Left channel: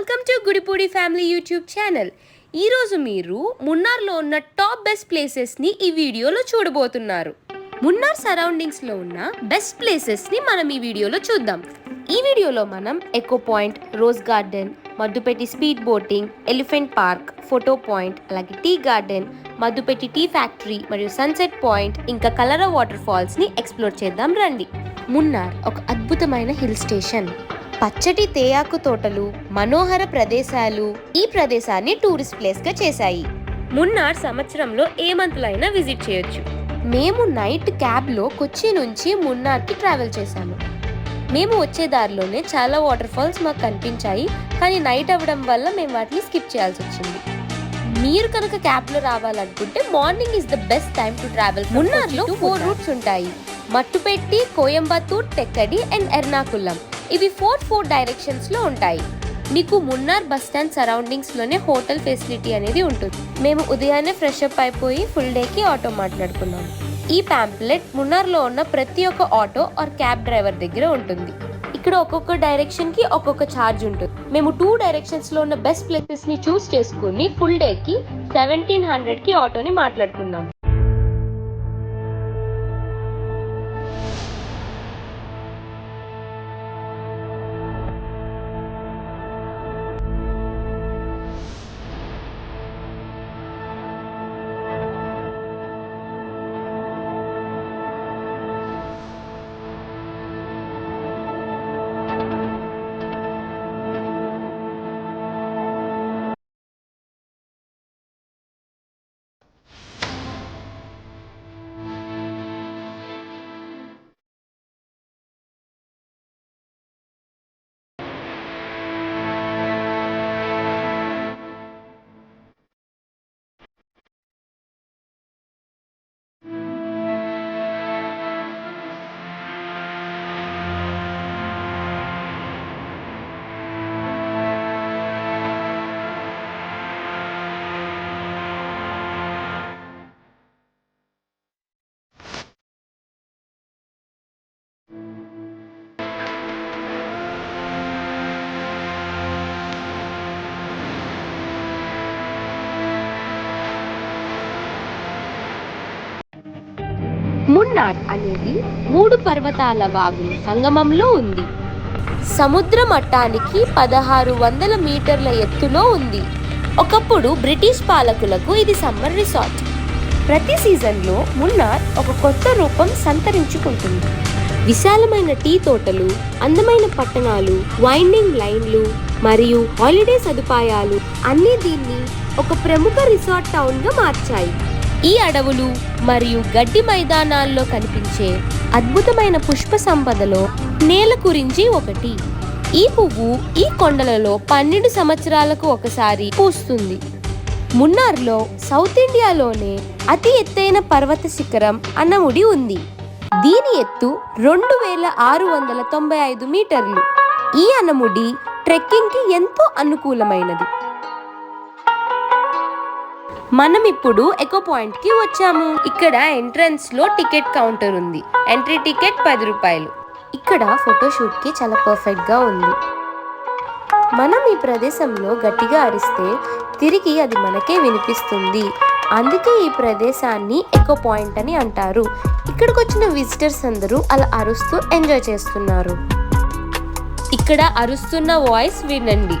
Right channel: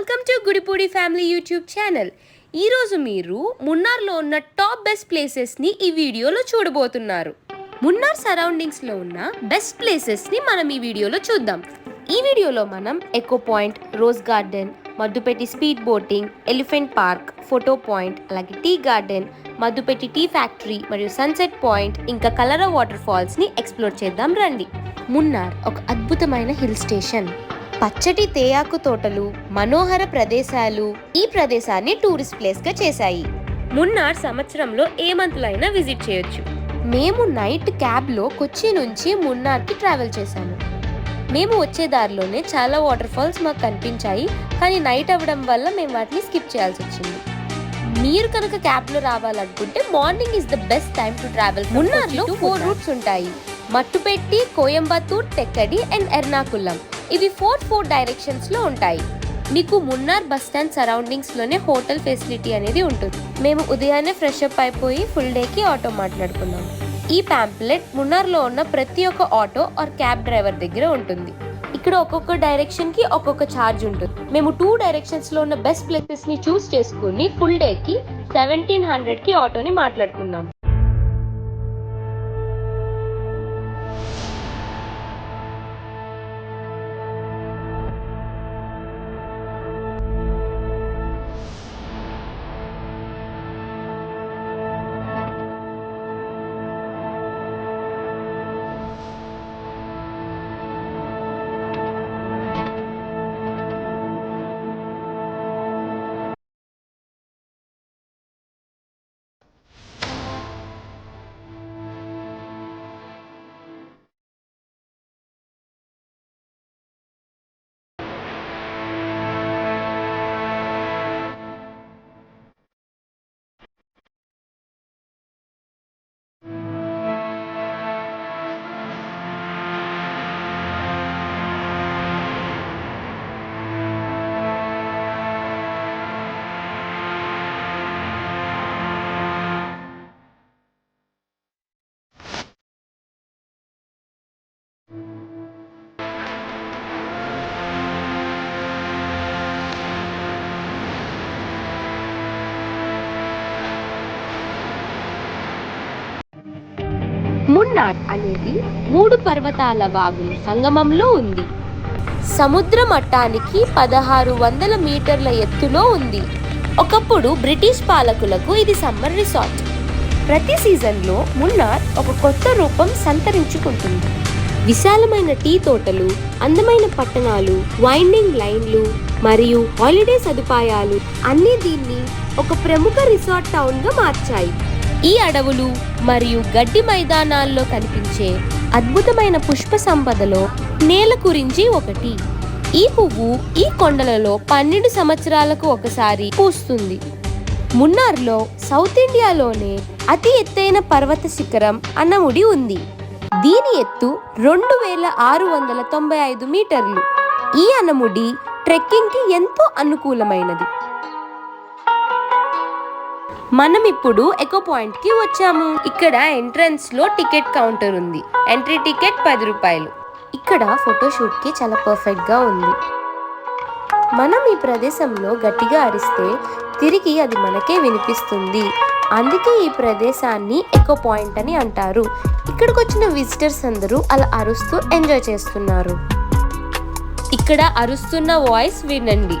Welcome to Gudipudi family YouTube channel. ఈరోజు మీరు మున్నార్లో ఉన్న టాప్ బెస్ట్ ప్లేసెస్ని ఈ వీడియోలో చూడబోతున్నారు. మున్నార్ సరౌండింగ్స్లో ఉన్న బెస్ట్ ప్లేసెస్ని మనం ఈ వీడియోలో చూద్దాం. ఈ వీడియోలో మనం echo point, rose garden, Mattupetty speed boating, elephant park, photo point, అలాగే tea garden, Mattupetty tea factory మరియు సన్సెట్ పాయింట్ ఇంకా కలరా వాటర్ ఫాల్స్ని ఎక్స్ప్లోర్ చేద్దాం రండి. మున్నార్ ఒక అద్భుతమైన హిల్ స్టేషన్. పచ్చటి తేయాకు తోటలు, మనోహర ప్రదేశాలు ఈ ప్రదేశాన్ని టూరిస్ట్ ప్లేస్గా చేశాయి. మున్నార్ సంవత్సరంలో ఏ మంత్లో అయినా విజిట్ చేయొచ్చు. మేము నైట్ క్యాబ్లో కొచ్చి నుంచి మున్నార్కి ట్రావెల్ చేశాము. మేము వచ్చే దారిలోనే చాలా వాటర్ ఫాల్స్ మాకు కనిపించాయి, కానీ నైట్ అవ్వడం వల్ల మేము వాటిని స్కిప్ చేయాల్సి వచ్చింది. మీరు కనుక క్యాబ్లో రావాలనుకుంటే morning is the best time to travel. మున్నార్లో 4 రూట్స్ ఉంటాయి: మట్టుపెట్టి, కోయంబత్తూర్, తెక్కడి అండ్ ఎర్నాకుళం. ఇవి 4 డైరెక్షన్స్ లో ఉంటాయి. మీకు మున్నార్ బస్ స్టాండ్ సరౌండింగ్స్ లోనే హోటల్ ఫెసిలిటీ అనేది ఉంటుంది. మేము ఉదయాన్నే ఫ్రెష్ అప్ అయిపోయి ఫుల్ డేకి ఆటో మాట్లాడుకున్నాము. ఈ ప్యాంప్లెట్ మున్నార్లో ఉన్న ప్రతి ఒక్క ఆటో ఆర్ క్యాబ్ డ్రైవర్ దగ్గర ఉంటుంది. ఇక్కడ ఒక్కొక్క డైరెక్షన్ కి ఒక్కొక్క ఛార్జ్ ఉంటుంది. మేము 2 డైరెక్షన్స్ లో ఉన్న బెస్ట్ ప్లేసెస్ ని చూస్ చేసుకుని ఫుల్ డేకి 1700 కి ఆటోని మాట్లాడుకున్నాము. మున్నార్ అనేది 3 పర్వతాల వాగుల సంగమంలో ఉంది. సముద్ర మట్టానికి 1600 మీటర్ల ఎత్తులో ఉంది. ఒకప్పుడు బ్రిటిష్ పాలకులకు ఇది సమ్మర్ రిసార్ట్. ప్రతి సీజన్లో మున్నార్ ఒక కొత్త రూపం సంతరించుకుంటుంది. విశాలమైన టీ తోటలు, అందమైన పట్టణాలు, వైండింగ్ లైన్లు మరియు హాలిడే సదుపాయాలు అన్నీ దీన్ని ఒక ప్రముఖ రిసార్ట్ టౌన్గా మార్చాయి. ఈ అడవులు మరియు గడ్డి మైదానాల్లో కనిపించే అద్భుతమైన పుష్ప సంపదలో నేల కురించి ఒకటి. ఈ పువ్వు ఈ కొండలలో 12 సంవత్సరాలకు ఒకసారి పూస్తుంది. మున్నార్లో సౌత్ ఇండియాలోనే అతి ఎత్తైన పర్వత శిఖరం అన్నముడి ఉంది. దీని ఎత్తు 2695 మీటర్లు. ఈ అన్నముడి ట్రెక్కింగ్ కి ఎంతో అనుకూలమైనది. మనం ఇప్పుడు ఎకో పాయింట్ కి వచ్చాము. ఇక్కడ ఎంట్రన్స్ లో టికెట్ కౌంటర్ ఉంది. ఎంట్రీ టికెట్ 10 రూపాయలు. ఇక్కడ ఫోటోషూట్ కి చాలా పర్ఫెక్ట్ గా ఉంది. మనం ఈ ప్రదేశంలో గట్టిగా అరిస్తే తిరిగి అది మనకే వినిపిస్తుంది. అందుకే ఈ ప్రదేశాన్ని ఎకో పాయింట్ అని అంటారు. ఇక్కడికి వచ్చిన విజిటర్స్ అందరూ అలా అరుస్తూ ఎంజాయ్ చేస్తున్నారు. ఇక్కడ అరుస్తున్న వాయిస్ వినండి.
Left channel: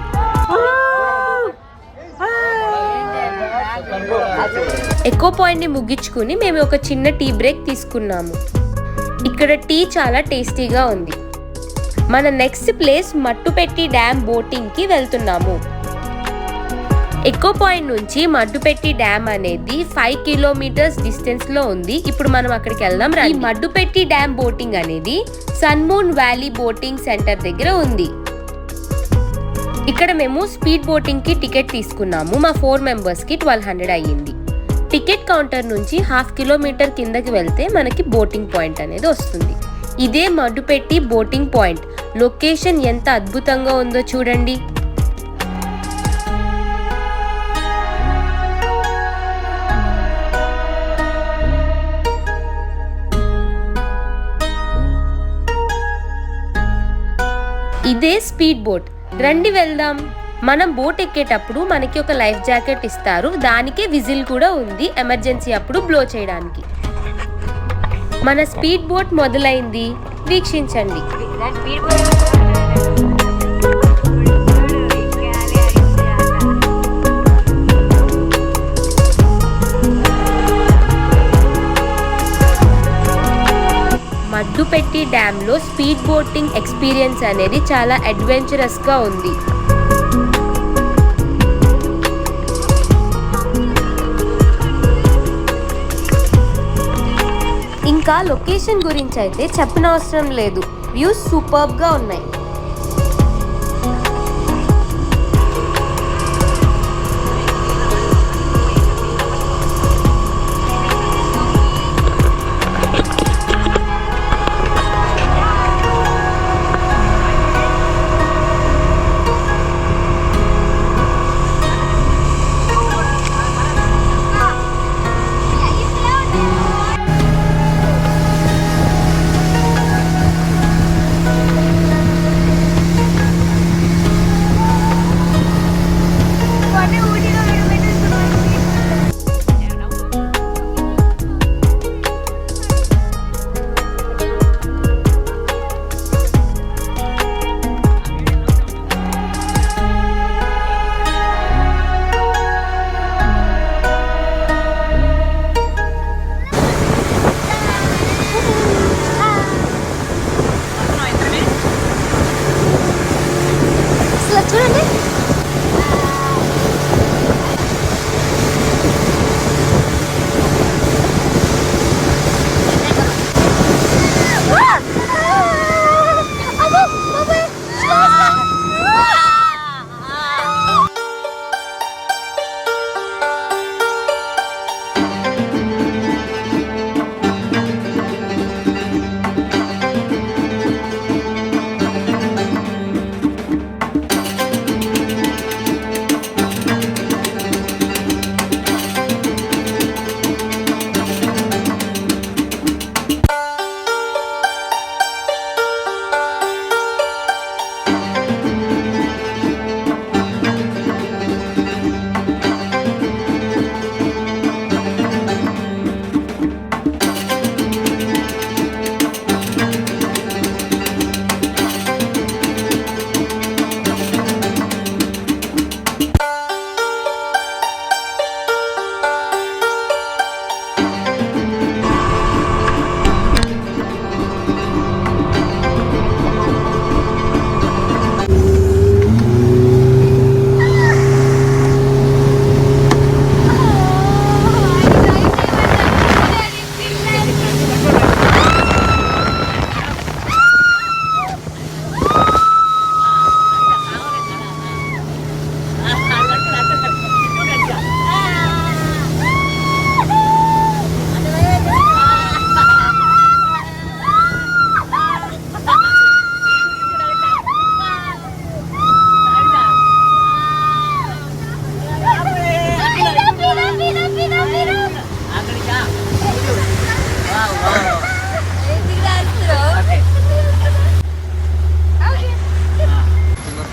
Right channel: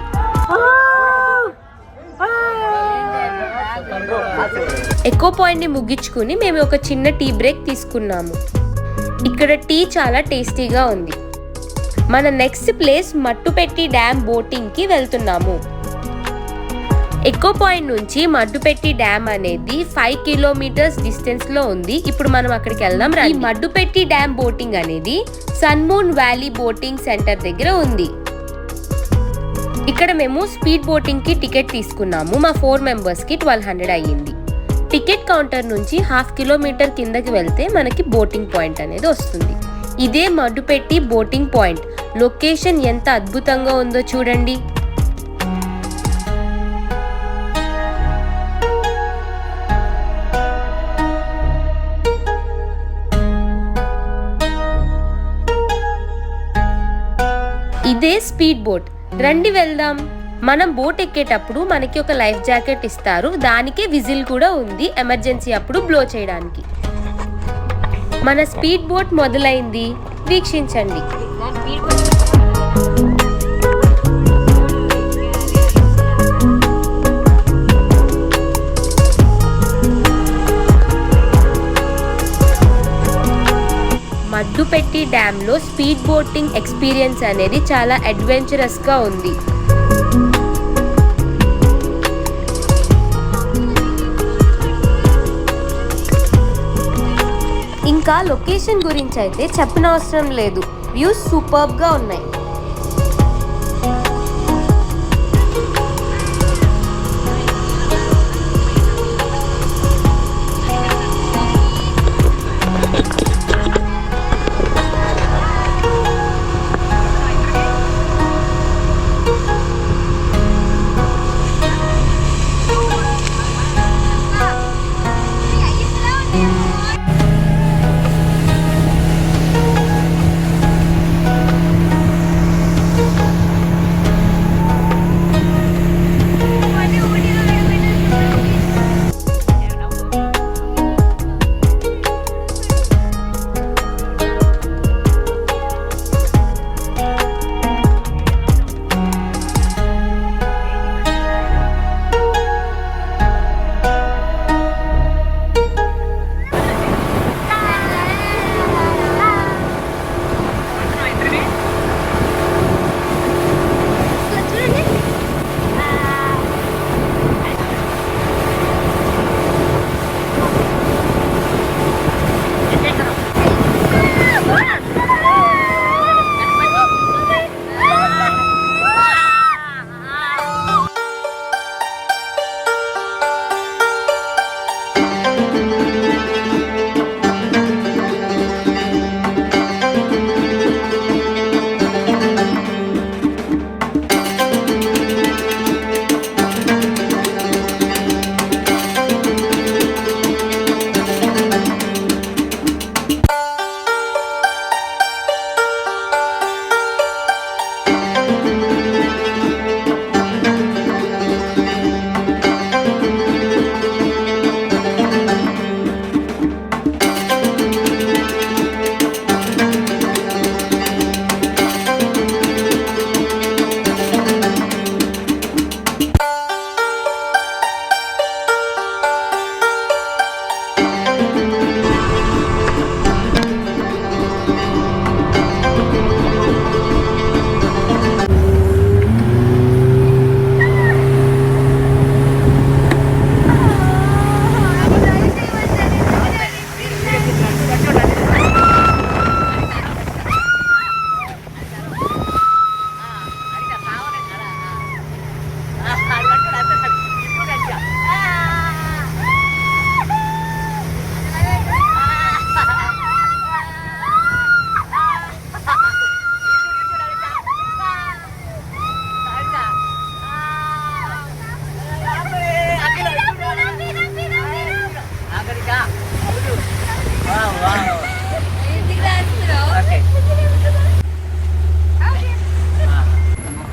ఎకో పాయింట్ ని ముగించుకుని మేము ఒక చిన్న టీ బ్రేక్ తీసుకున్నాము. ఇక్కడ టీ చాలా టేస్టీగా ఉంది. మన next place Mattupetty dam boating కి వెళ్తున్నాము. ఎకో పాయింట్ నుంచి మడ్డుపెట్టి డ్యామ్ అనేది 5 కిలోమీటర్స్ డిస్టెన్స్ లో ఉంది. ఇప్పుడు మనం అక్కడికి వెళ్దాం. ఈ మడ్డుపెట్టి డ్యామ్ బోటింగ్ అనేది సన్మూన్ వ్యాలీ బోటింగ్ సెంటర్ దగ్గర ఉంది. ఇక్కడ మేము స్పీడ్ బోటింగ్ కి టికెట్ తీసుకున్నాము. మా 4 మెంబర్స్ కి 1200 అయ్యింది. టికెట్ కౌంటర్ నుంచి 1/2 కిలోమీటర్ కిందకి వెళ్తే మనకి బోటింగ్ పాయింట్ అనేది వస్తుంది. ఇదే మడ్డుపెట్టి బోటింగ్ పాయింట్. లొకేషన్ ఎంత అద్భుతంగా ఉందో చూడండి. ఇదే స్పీడ్ బోట్. రండి వెళ్దాం. మనం బోట్ ఎక్కేటప్పుడు మనకి ఒక లైఫ్ జాకెట్ ఇస్తారు, దానికే విజిల్ కూడా ఉంది ఎమర్జెన్సీ అప్పుడు బ్లో చేయడానికి. మన స్పీడ్ బోట్ మొదలైంది, వీక్షించండి. మడ్డుపెట్టి డ్యామ్లో స్పీడ్ బోటింగ్ ఎక్స్పీరియన్స్ అనేది చాలా అడ్వెంచరస్గా ఉంది. ఇంకా లొకేషన్ గురించి అయితే చెప్పనవసరం లేదు, వ్యూస్ సూపర్బ్గా ఉన్నాయి.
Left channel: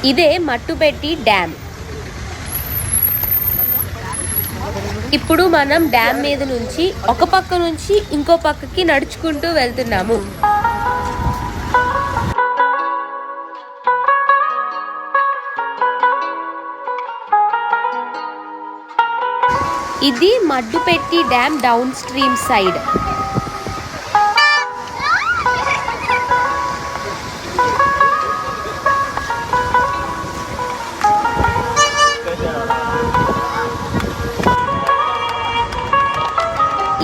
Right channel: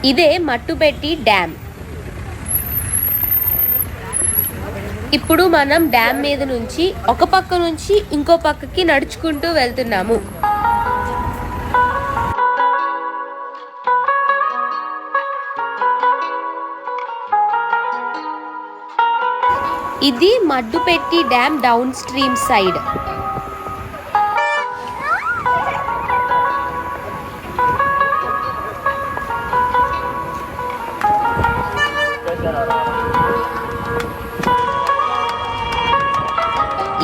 ఇదే మట్టుపెట్టి డ్యామ్. ఇప్పుడు మనం డ్యామ్ మీద నుంచి ఒక పక్క నుంచి ఇంకో పక్కకి నడుచుకుంటూ వెళ్తున్నాము. ఇది మడ్డుపెట్టి డ్యామ్ డౌన్ స్ట్రీమ్ సైడ్.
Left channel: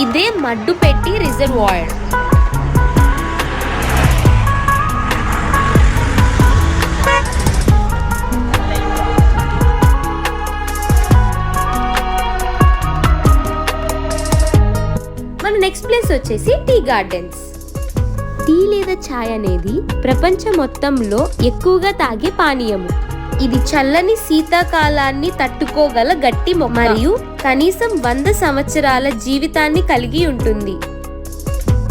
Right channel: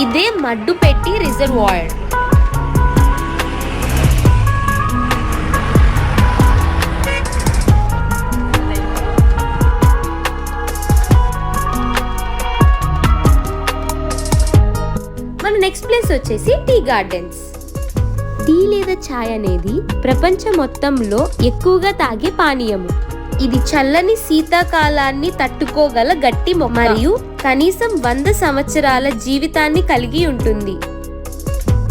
ఇదే మడ్డుపెట్టి రిజర్వాయర్. మన నెక్స్ట్ ప్లేస్ వచ్చేసి టీ గార్డెన్స్. టీ లేదా ఛాయ్ అనేది ప్రపంచం మొత్తంలో ఎక్కువగా తాగే పానీయము. ఇది చల్లని శీతాకాలాన్ని తట్టుకోగల గట్టి మొక్క మరియు కనీసం 100 సంవత్సరాల జీవితాన్ని కలిగి ఉంటుంది.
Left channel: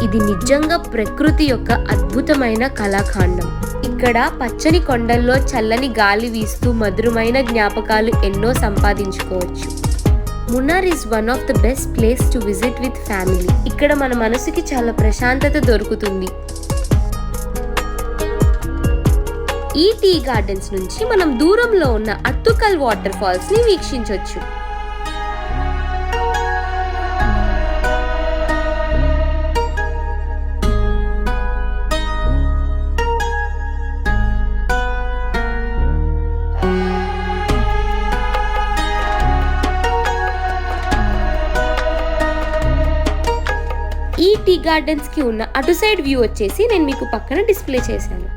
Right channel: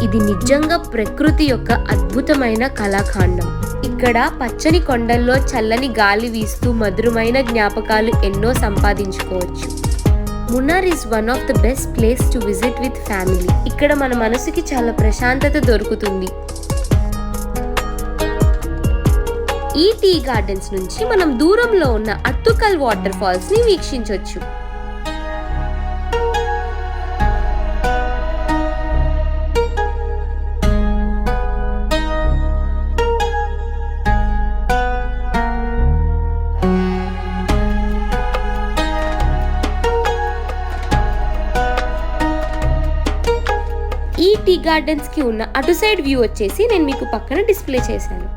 ఇది నిజంగా ప్రకృతి యొక్క అద్భుతమైన కళాఖండం. ఇక్కడ పచ్చని కొండల్లో చల్లని గాలి వీస్తూ మధురమైన జ్ఞాపకాలు ఎన్నో సంపాదించుకోవచ్చు. Munnar is one of the best place to visit with family. ఇక్కడ మన మనసుకి చాలా ప్రశాంతత దొరుకుతుంది. ఈ టీ గార్డెన్స్ నుంచి మనం దూరంలో ఉన్న అత్తుకల్ వాటర్ ఫాల్స్ ని వీక్షించవచ్చు. ఈ టీ గార్డెన్స్ కి ఉన్న అటు సైడ్ వ్యూ వచ్చేసి నేను మీకు పక్కన డిస్ప్లే చేశాను.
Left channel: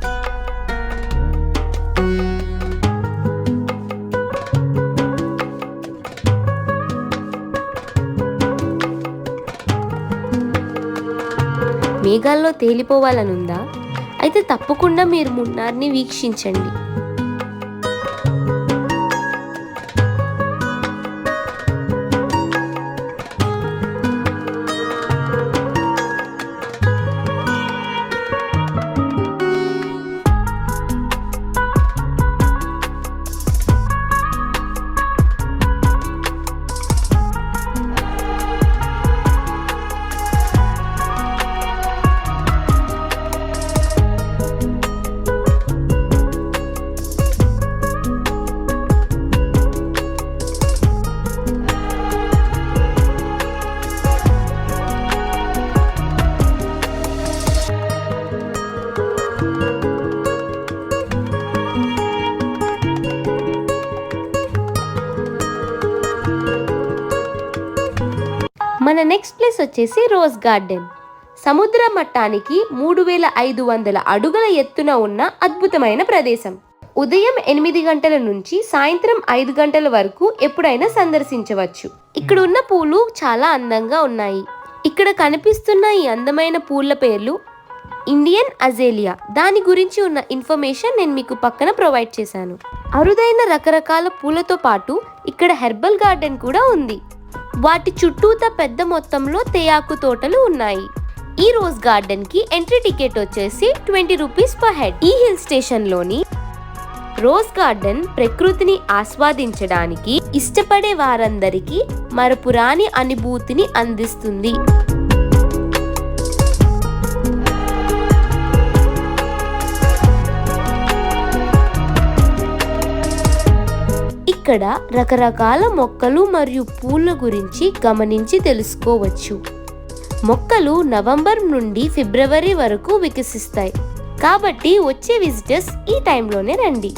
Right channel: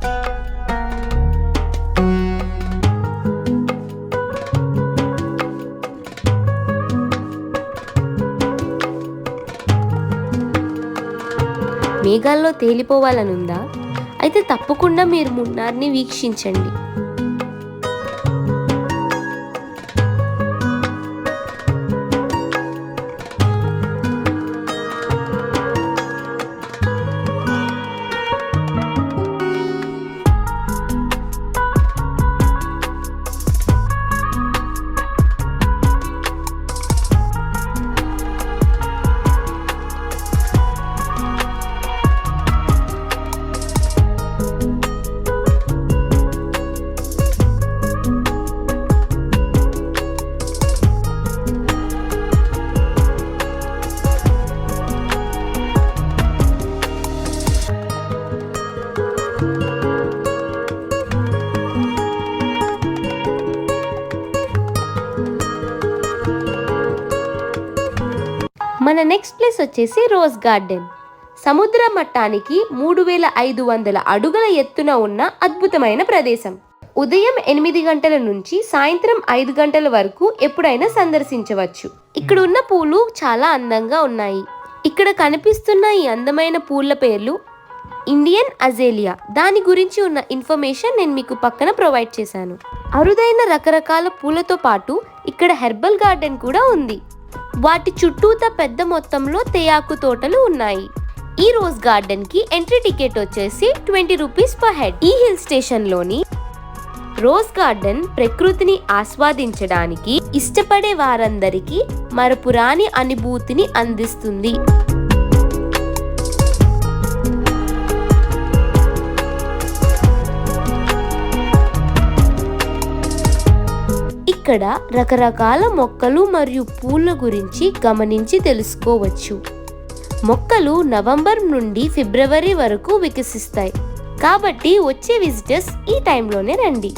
మేఘాల్లో తేలిపోవాలనుందా? అయితే తప్పకుండా మీరు మున్నార్ని వీక్షించండి. మన నెక్స్ట్ ప్లేస్ వచ్చేసి రోజ్ గార్డెన్. సముద్ర మట్టానికి 3500 అడుగుల ఎత్తున ఉన్న అద్భుతమైన ప్రదేశం. ఉదయం 8 గంటల నుంచి సాయంత్రం 5 గంటల వరకు ఎప్పుడైనా సందర్శించవచ్చు. ఇక్కడ ఉన్న పూలు చాలా అందంగా ఉన్నాయి. ఇక్కడ కనిపిస్తున్న ఈ అందమైన పూల పేర్లు ఇండియన్ అజేలియా. దాని గురించి ఉన్న ఇన్ఫర్మేషన్ నేను మీకు పక్కన ప్రొవైడ్ చేశాను. అరుదైన రకరకాల పూలతో పాటు ఇక్కడ హెర్బల్ గార్డెన్ కూడా ఉంది. వాటి చుట్టూతా పెద్ద మొత్తంలో తేయాకు తోటలు ఉన్నాయి. ఈ రోజ్ గార్డెన్ కి ఎంట్రీ టికెట్ వచ్చేసి 20 రూపీస్ పర్ హెడ్. ఈ హిల్ స్టేషన్ లోని రోజ్ గార్డెన్ ప్రకృతిని ఆస్వాదించడానికి ఇష్టపడే వారందరికీ మరపురాని అనుభూతిని అందిస్తుంది. ఇక్కడ రకరకాల మొక్కలు మరియు పూల గురించి గమనించి తెలుసుకోవచ్చు. మొక్కలు నవంబర్ నుండి ఫిబ్రవరి వరకు వికసిస్తాయి. కాబట్టి వచ్చే విజిటర్స్ ఈ టైంలోనే రండి.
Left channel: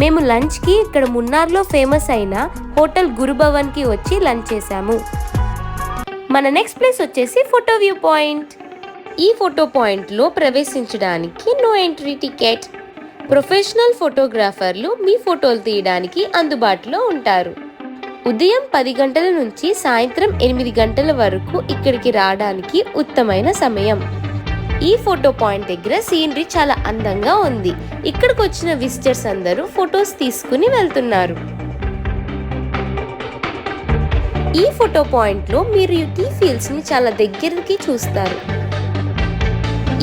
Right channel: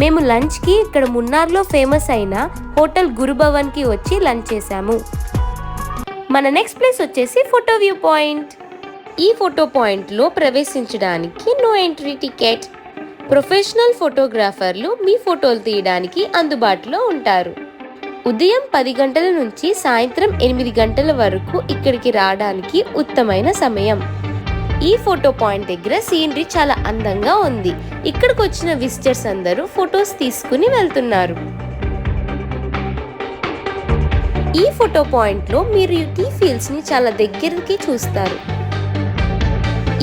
మేము లంచ్కి ఇక్కడ మున్నార్లో ఫేమస్ అయిన హోటల్ గురుభవన్కి వచ్చి లంచ్ చేసాము. మన నెక్స్ట్ ప్లేస్ వచ్చేసి ఫోటో వ్యూ పాయింట్. ఈ ఫోటో పాయింట్లో ప్రవేశించడానికి నో ఎంట్రీ టికెట్. ప్రొఫెషనల్ ఫోటోగ్రాఫర్లు మీ ఫోటోలు తీయడానికి అందుబాటులో ఉంటారు. ఉదయం 10 గంటల నుంచి సాయంత్రం 8 గంటల వరకు ఇక్కడికి రావడానికి ఉత్తమైన సమయం. ఈ ఫోటో పాయింట్ దగ్గర సీనరీ చాలా అందంగా ఉంది. ఇక్కడికి వచ్చిన విజిటర్స్ అందరూ ఫొటోస్ తీసుకుని వెళ్తున్నారు. ఈ ఫోటో పాయింట్లో మీరు ఈ టీ ఫీల్డ్స్ ని చాలా దగ్గరికి చూస్తారు.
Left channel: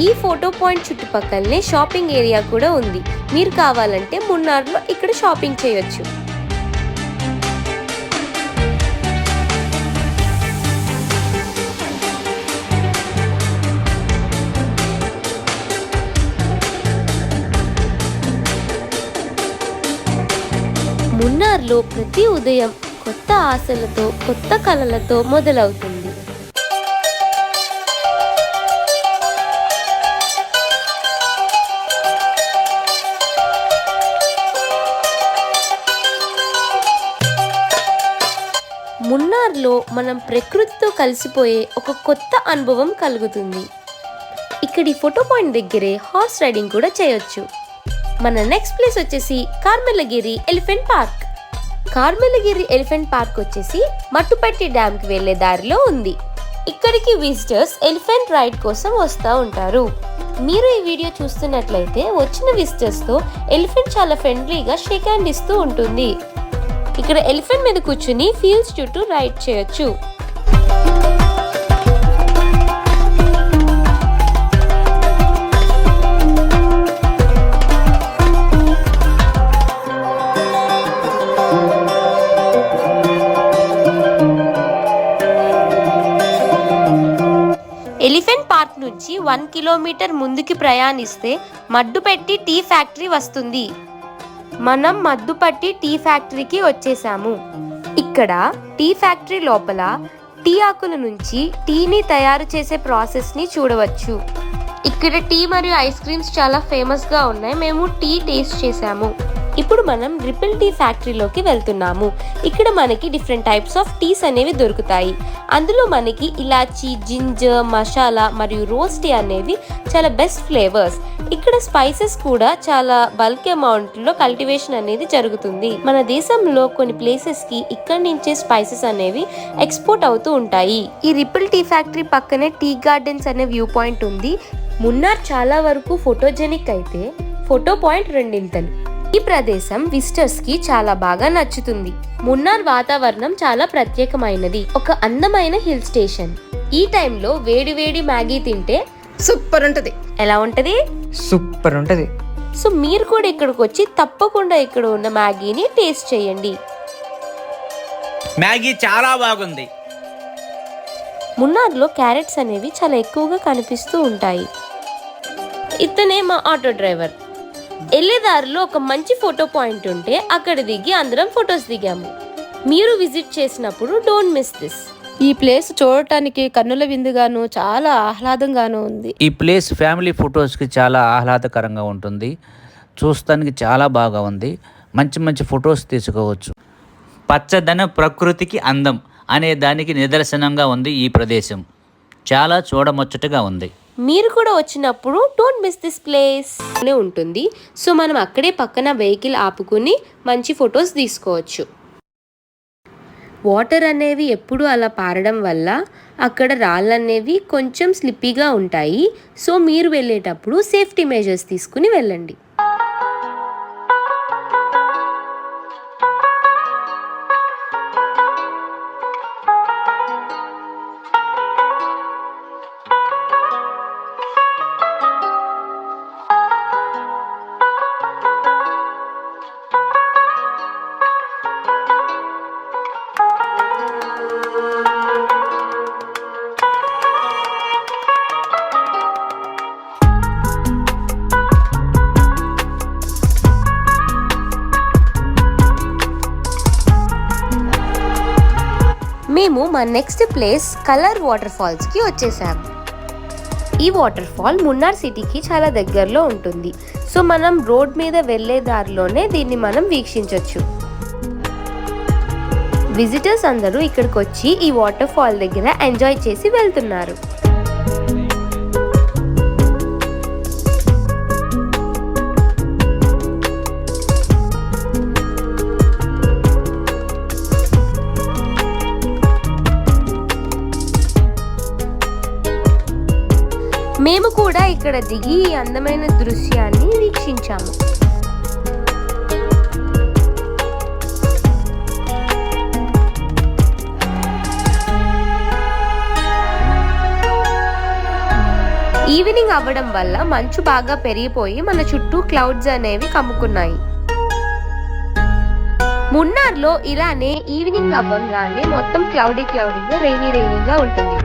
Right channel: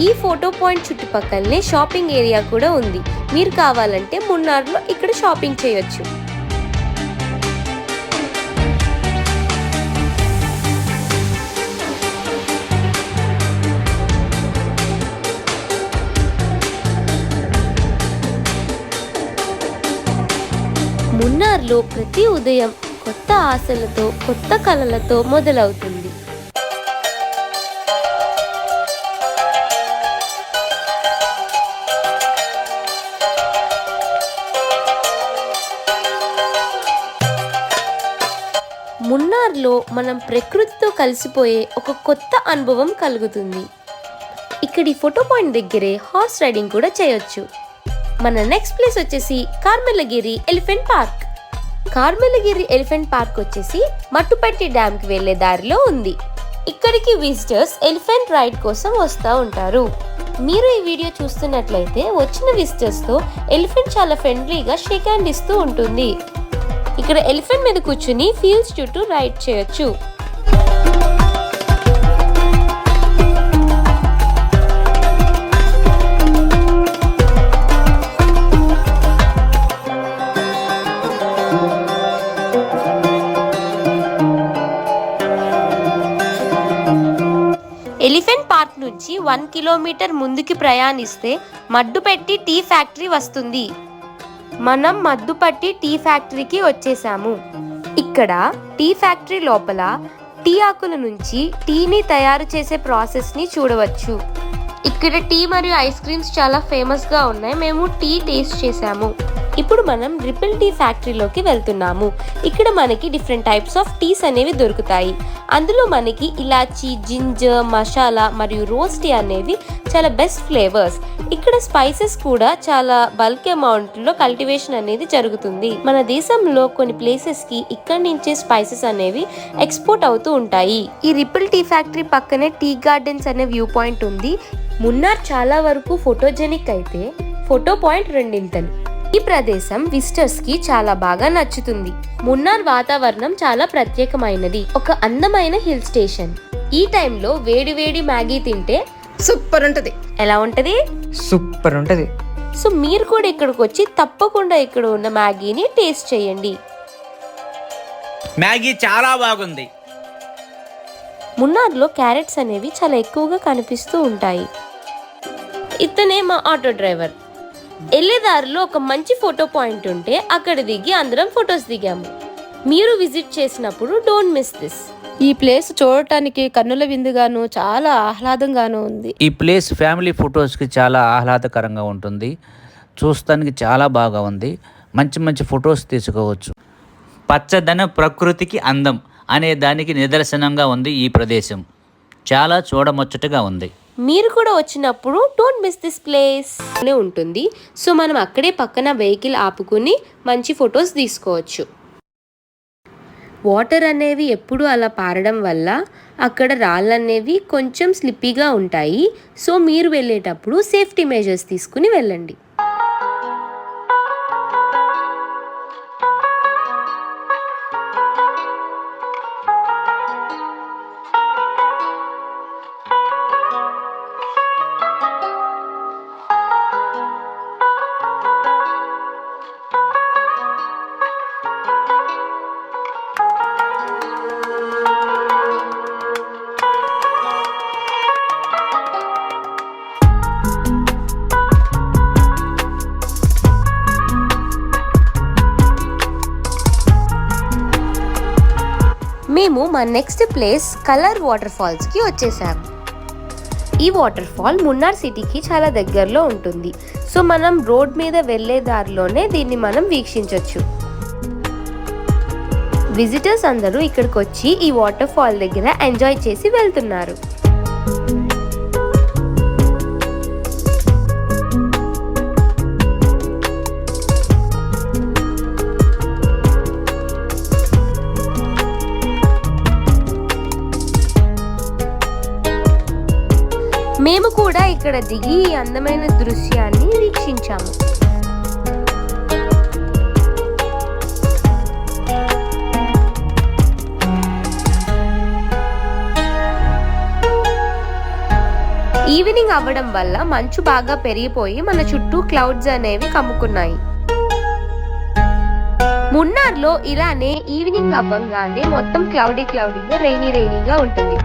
ఈ ఫోటో పాయింట్ చుట్టుపక్కలనే షాపింగ్ ఏరియా కూడా ఉంది. మీరు కావాలంటే మున్నార్లో ఇక్కడ షాపింగ్ చేయొచ్చు. మున్నార్లో ప్రతి ఉదయం కొత్త ఆశలతో, కొత్త కలలతో మొదలవుతుంది. మున్నార్లో మనం ప్రకృతితో కలిసిపోయే ఒక కొత్త అనుభవం కలుగుతుంది. ఇక్కడి ఫోటో పాయింట్ దగ్గరే హార్స్ రైడింగ్ కూడా చేయొచ్చు. మన నెక్స్ట్ ప్లేస్ వచ్చేసి కార్మెలగిరి ఎలిఫెంట్ పార్క్. కార్మెలగిరి ఎలిఫెంట్ పార్క్ వచ్చేసి మట్టుపట్టి డ్యామ్ కి వెళ్లే దారిలో ఉంది. ఇక్కడికి విజిటర్స్ ఎలిఫెంట్ రైడ్ కోసం వస్తూ ఉంటారు. మీరు ఈ వీడియో చూస్తున్నట్లయితే వచ్చిన విజిటర్స్ తో ఎలిఫెంట్ చాలా ఫ్రెండ్లీగా షేక్ హ్యాండ్ ఇస్తూ ఉంటుంది. ఇక్కడ ఎలిఫెంట్ మీద కూర్చుని ఫీల్డ్స్ చుట్టూ రైడ్ చేయొచ్చు. ఎలిఫెంట్ పార్క్ నుంచి 1 కిలోమీటర్ ముందుకి ప్రయాణిస్తే మడ్డుపెట్టి టీ ఫ్యాక్టరీ వస్తుంది. మనం మద్దుపట్టి టీ ఫ్యాక్టరీకి వచ్చేసాము. ఇక్కడ టీ ఫ్యాక్టరీ లోపల టీ ఆకుల నుంచి టీని తయారు చేసే ప్రాసెస్ ని చూడవచ్చు. ఇక్కడ టీ మరియు ఐస్ క్రీమ్స్ చాలా ఫేమస్ గా ఉన్నాయి. మేము టీ టేస్ట్ చేసాము. ఇప్పుడు మనం రిపిల్ టీ ఫ్యాక్టరీలోకి వెళ్తున్నాము. ఇక్కడ మనకి డిఫరెంట్ టైప్స్ ఆఫ్ టీస్ అనేవి దొరుకుతాయి. అందులో మనకి ఇలాచీ, జింజర్, మసాలా మరియు రోజ్ టీ అనేవి చాలా బెస్ట్ ఫ్లేవర్స్. ఇక్కడ స్పైసెస్ కూడా చాలా బల్క్ అమౌంట్ లో కల్టివేషన్ అనేది జరుగుతుంది. మన దేశంలో కొన్ని ప్లేసెస్ కి ఇక్కడి నుంచే స్పైసెస్ అనేవి ఎక్స్పోర్ట్ అవుతూ ఉంటాయి. ఈ రిపిల్ టీ ఫ్యాక్టరీ పక్కనే టీ గార్డెన్స్ అనే వ్యూ పాయింట్ ఉంది. మున్నార్ చాలా వరకు ఫోటోజెనిక్ అయితే ఫోటో పాయింట్ రెండింతలు. ఈ ప్రదేశం విజిటర్స్ కి చాలా బాగా నచ్చుతుంది. మున్నార్ వాతావరణం చాలా ప్రత్యేకమైనది. ఒక అందమైన హిల్ స్టేషన్. ఈ టైంలో వేడి వేడి మ్యాగీ తింటే సూపర్ ఉంటది. ఎలా ఉంటది? సూపర్ ఉంటది. సో మీరు కూడా ఇక్కడికి వచ్చి తప్పకుండా ఇక్కడ ఉన్న మ్యాగీని టేస్ట్ చేయండి. మ్యాగీ చాలా బాగుంది. మున్నార్లో క్యారెట్స్ అనేవి చాలా ఎక్కువగా కనిపిస్తూ ఉంటాయి. ఇతనే మా ఆటో డ్రైవర్. వెళ్ళేదారిలో ఒక మంచి ఫోటో పాయింట్ ఉంటే అక్కడ దిగి అందరం ఫొటోస్ దిగాము. మీరు విజిట్ చేసినప్పుడు డోంట్ మిస్ దిస్. ఈ ప్లేస్ చూడటానికి కన్నుల విందుగాను చాలా ఆహ్లాదంగాను ఉంది. ఈ ప్లేస్ ఫ్యామిలీ ఫొటోస్కి చాలా ఆహ్లాదకరంగా ఉంటుంది. చూస్తానికి చాలా బాగా ఉంది. మంచి మంచి ఫొటోస్ తీసుకోవచ్చు. పచ్చదనం ప్రకృతికి అందం అనే దానికి నిదర్శనంగా ఉంది ఈ ప్రదేశం. చాలా చూడముచ్చటగా ఉంది. మీరు కూడా వచ్చినప్పుడు డోంట్ మిస్ దిస్ ప్లేస్ అనే ఉంటుంది. సో మనం అక్కడే పక్కన వెహికల్ ఆపుకుని మంచి ఫొటోస్ తీసుకోవచ్చు. వాటర్ అనేవి ఎప్పుడు అలా పారడం వల్ల అక్కడ రాళ్ళు అనేవి కొంచెం స్లిప్పీగా ఉంటాయి. సో మీరు వెళ్ళేటప్పుడు సేఫ్టీ మెజర్స్ తీసుకుని వెళ్ళండి. మేము మా next place colour water falls కి వచ్చేసాము. ఈ వాటర్ ఫాల్ మున్నార్ సిటీకి చాలా దగ్గరలో ఉంటుంది. సో మనం రోడ్ మీద వెళ్ళే దారిలోనే దీన్ని మనం వీక్షించవచ్చు. విజిటర్స్ అందరూ ఇక్కడికి వచ్చి ఈ వాటర్ ఫాల్ దగ్గర ఎంజాయ్ చేసి వెళ్తున్నారు. మేము కూడా ఇక్కడ దిగి ఈ అందమైన దృశ్యాన్ని వీక్షించాము. ఈ ఈవినింగ్ అవ్వడం వల్ల మంచు బాగా పెరిగిపోయి మన చుట్టూ క్లౌడ్స్ అనేవి కమ్ముకున్నాయి. మున్నార్లో ఇలానే ఈవినింగ్ అవ్వగానే మొత్తం క్లౌడీగా రైనీగా ఉంటుంది.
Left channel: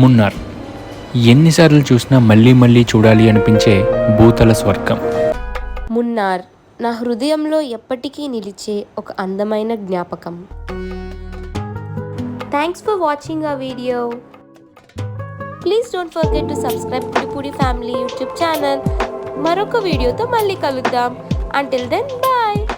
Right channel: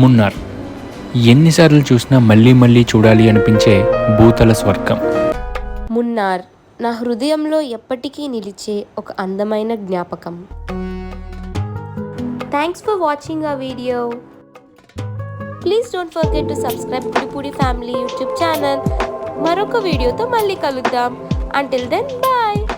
మున్నార్ ఎన్నిసార్లు చూసినా మళ్ళీ మళ్ళీ చూడాలి అనిపించే భూతల స్వర్గం. మున్నార్ నా హృదయంలో ఎప్పటికీ నిలిచే ఒక అందమైన జ్ఞాపకం. Thanks for watching our video. Please don't forget to subscribe Kudipudi family YouTube channel. మరొక వీడియోతో మళ్ళీ కలుద్దాం. Until then bye.